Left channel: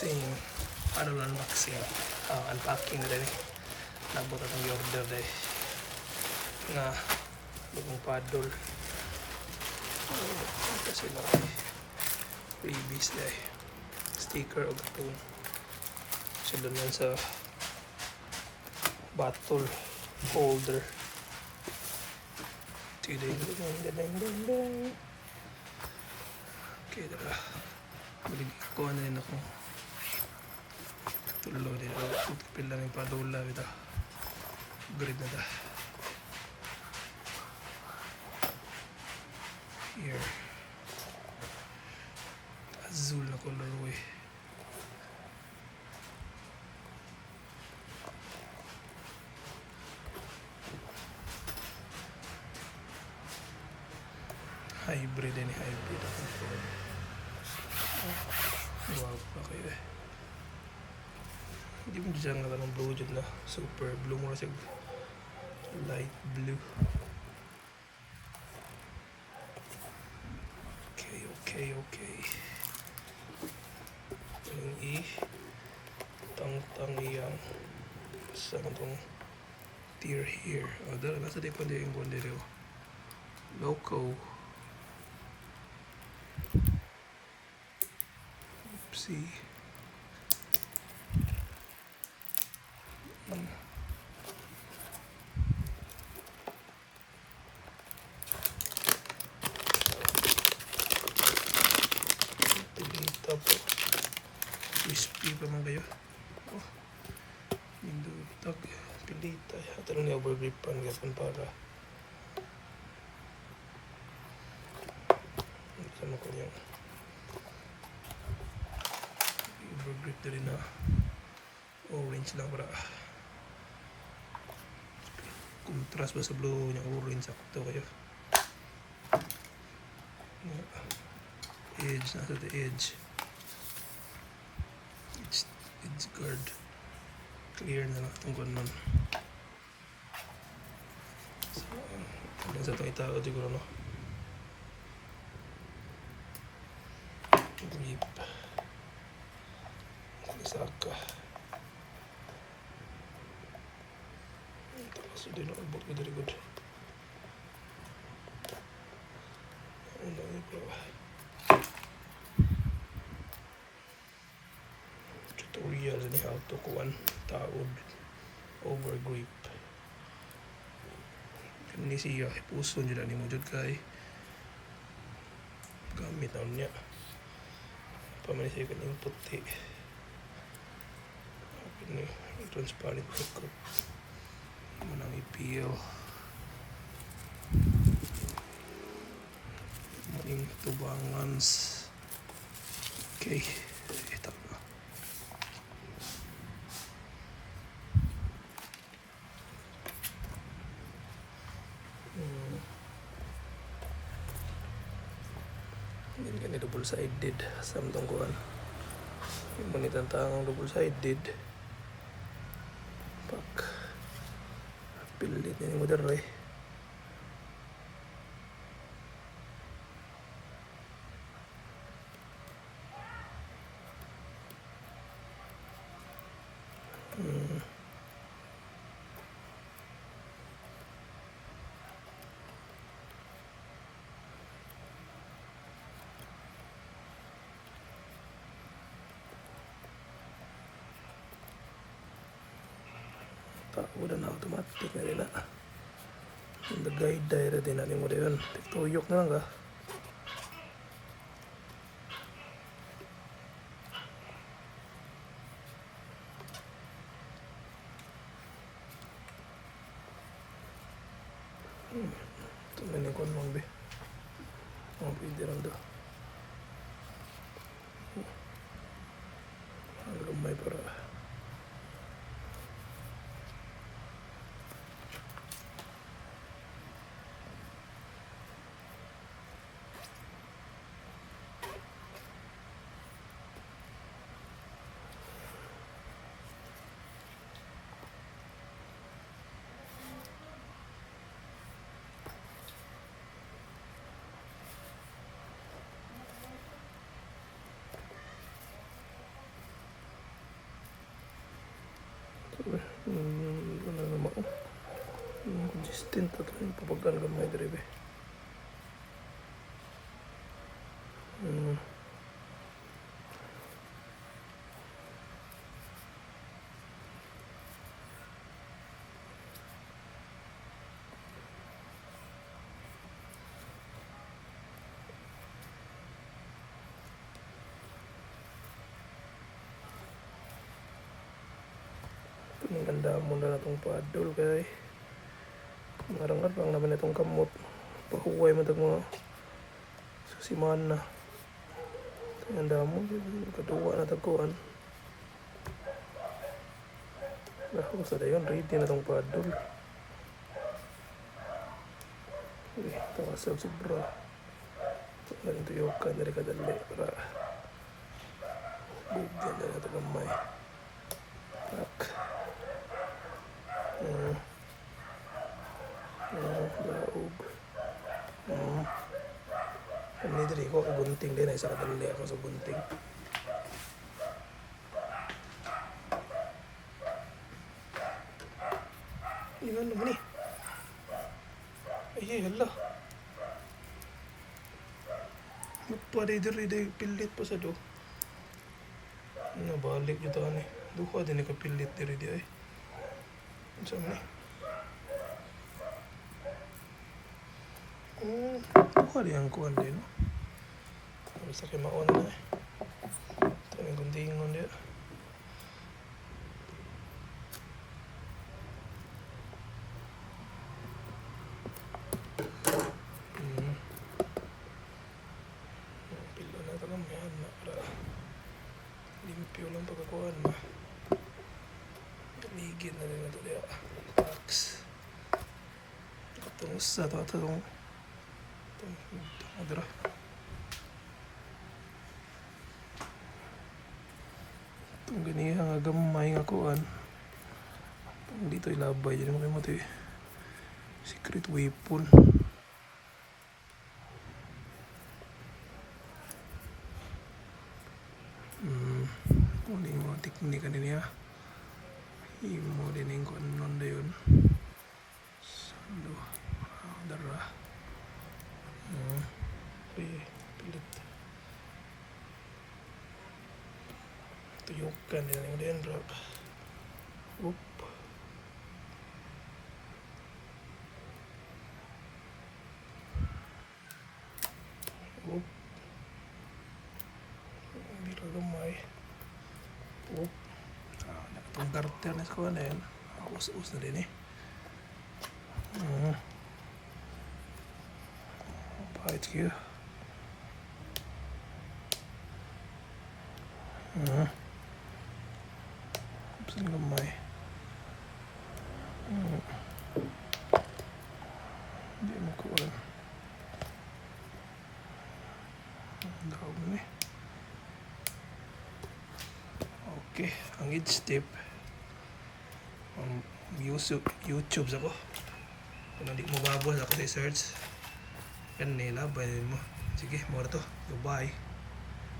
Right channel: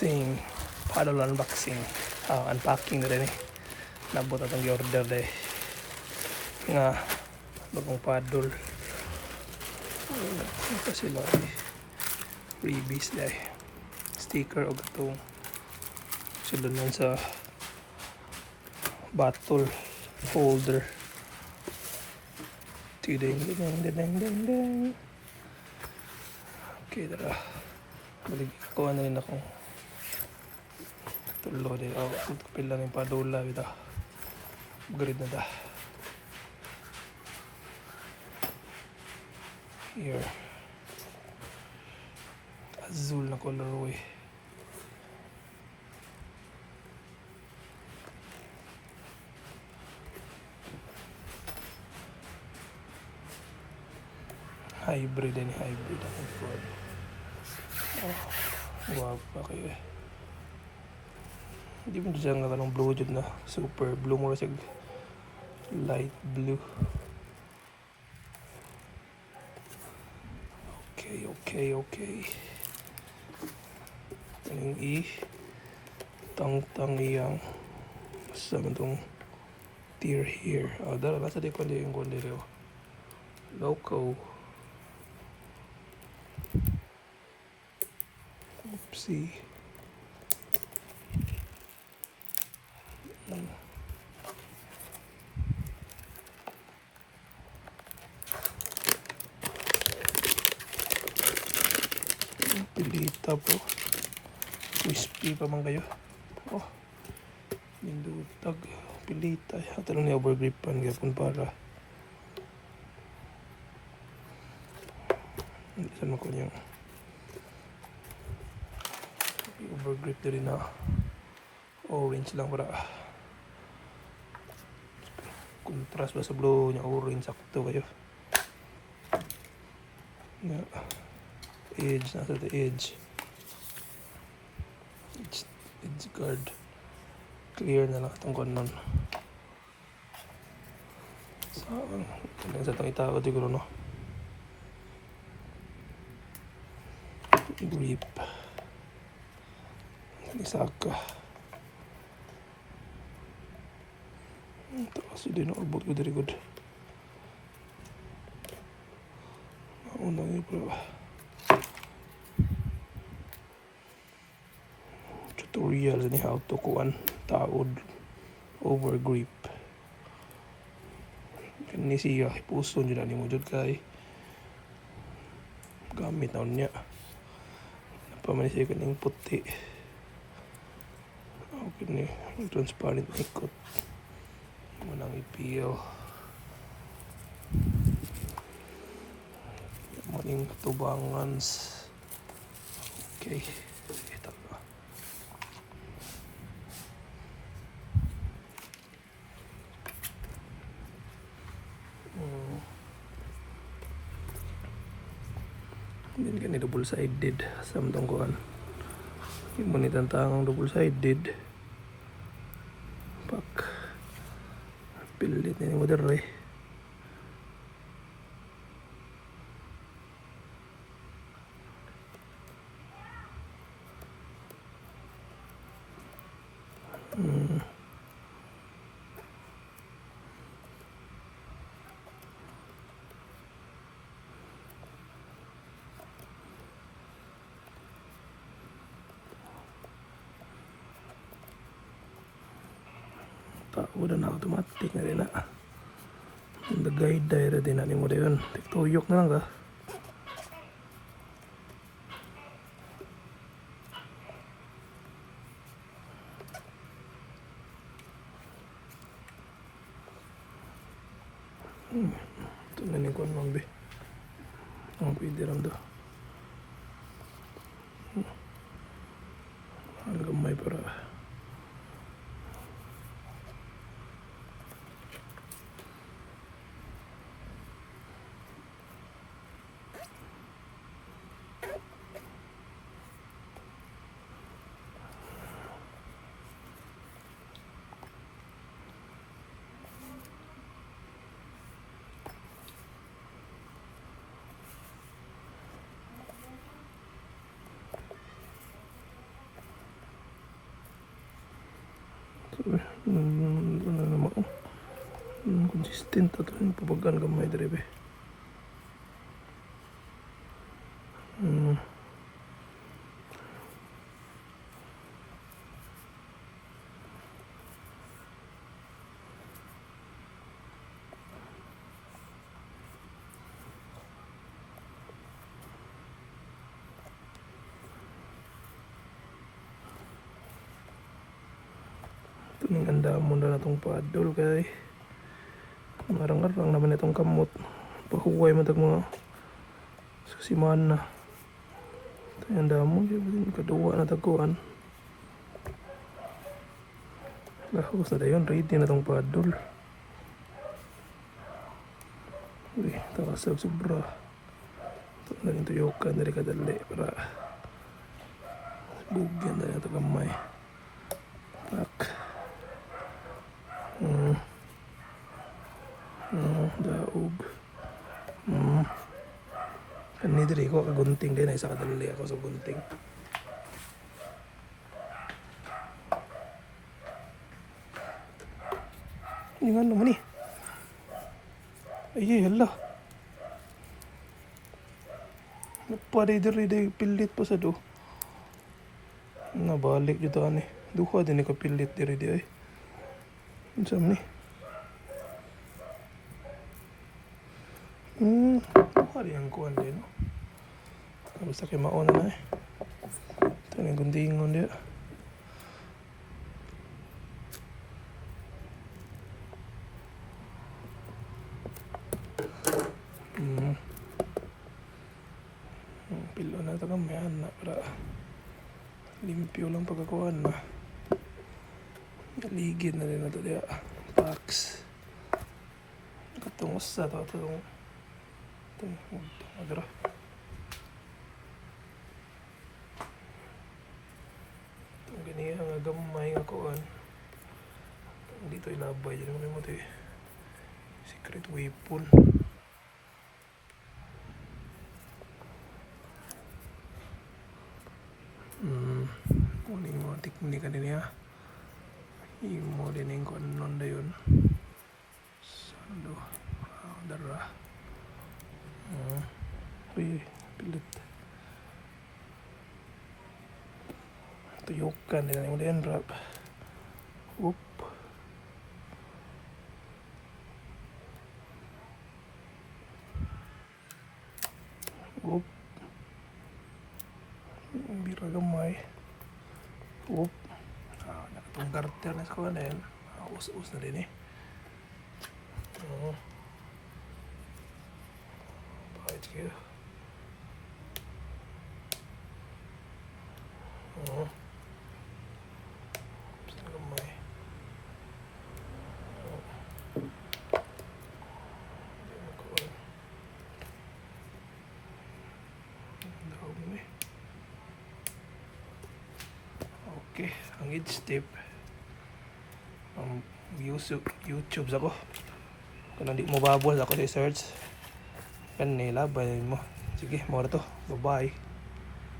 unboxing. Paddle unboxing. Unpacking rin eh. Nabot at ang order deh. Nga bagong paddle. Ito sila eh. Freebies deh. Sticker o itong sulunan sa bottle folder. Ding. Okay, tara. Kuha na rin akong tulo din. Pila na yung padula kita. Grid na da. Here. Azul na colorway. Hybrid and hybrid. Wow pa kayo eh. Hindi mo dyan nga ng blue dyan na super blue mo sa light blue. Okay. Ang tang iyang sa itong tier here. Dala nasa di pa din yung kondere. Loco. Oopsie. Pilita po. Crispy pa man kayo. Nindutag. Pilita. Ito lang yung overgrip pan para hindi naman ko yung overgrip na rin na orange lang para contrast ba sa blue niya orange sakto kayo na edge nasa the edge guard clear na lang itong kanon sa itong itago siguro no grip isaka ito kasi di nakabot ko dari good maunang ipo tutorial ni how to kuan taod over grip ini siya puso nila ni mo jud kay gamit na niya pamanisya ka ng puti okay na transparent ikot manang ipil maning tubangan okay ito na hindi ganito double sided samtang kuan yung manitan tangang double sided pak pilit na yung modern eh udah na automatic na rin na ang guide dahil din natin mo na yun tuyok na lang ka tingnan ni kuan lang be ang pwede lang do ang gamay para Ano naman. Consistent ito yung pabagan gamay dere be. Ganda mo na itong paddle kay marangal lang naman itong kamot pahuway mo mga susiman na ganda mo kaduwa na taguan lahos na yun ready na itong paddle takasab sobra ganito yokan dari kadali para bugyan na ito kamay tak daog ini diri ko gunting din ay sa kadali ako sa gunting ini ano naman ay hala napari diri pilit pa sa do nabalik dito ani duha din ka pilit diri di ay insam ni buka rin ang kuwan din, no? Basta kayo mauna na eh. Tanging guntingon din. Pila na ito lang yan na para limpyo lang pagkakuhan na. Naligid na rin ito diya. Cracks. Katungos sa ito. Adara. Itong ganyan nga gamay nga kuhan. Dito ilabay. Yan naman mo ito secret weapon. Kuning mga teknik ka din niya. Imo din yung kuhan nun na yun. Sando. Adara. Pilit tuyukan din ang ulian rap whoop whoop bira gamay whoop nakatong garter na sa kawan na yan us-us na din eh palit kayo saan gamay hindi mo kuwan daog na eh okay ang edge tip ang YouTube ako kung hindi mo babuhat ako sa search yan nilabay mo sige mo na to bye bye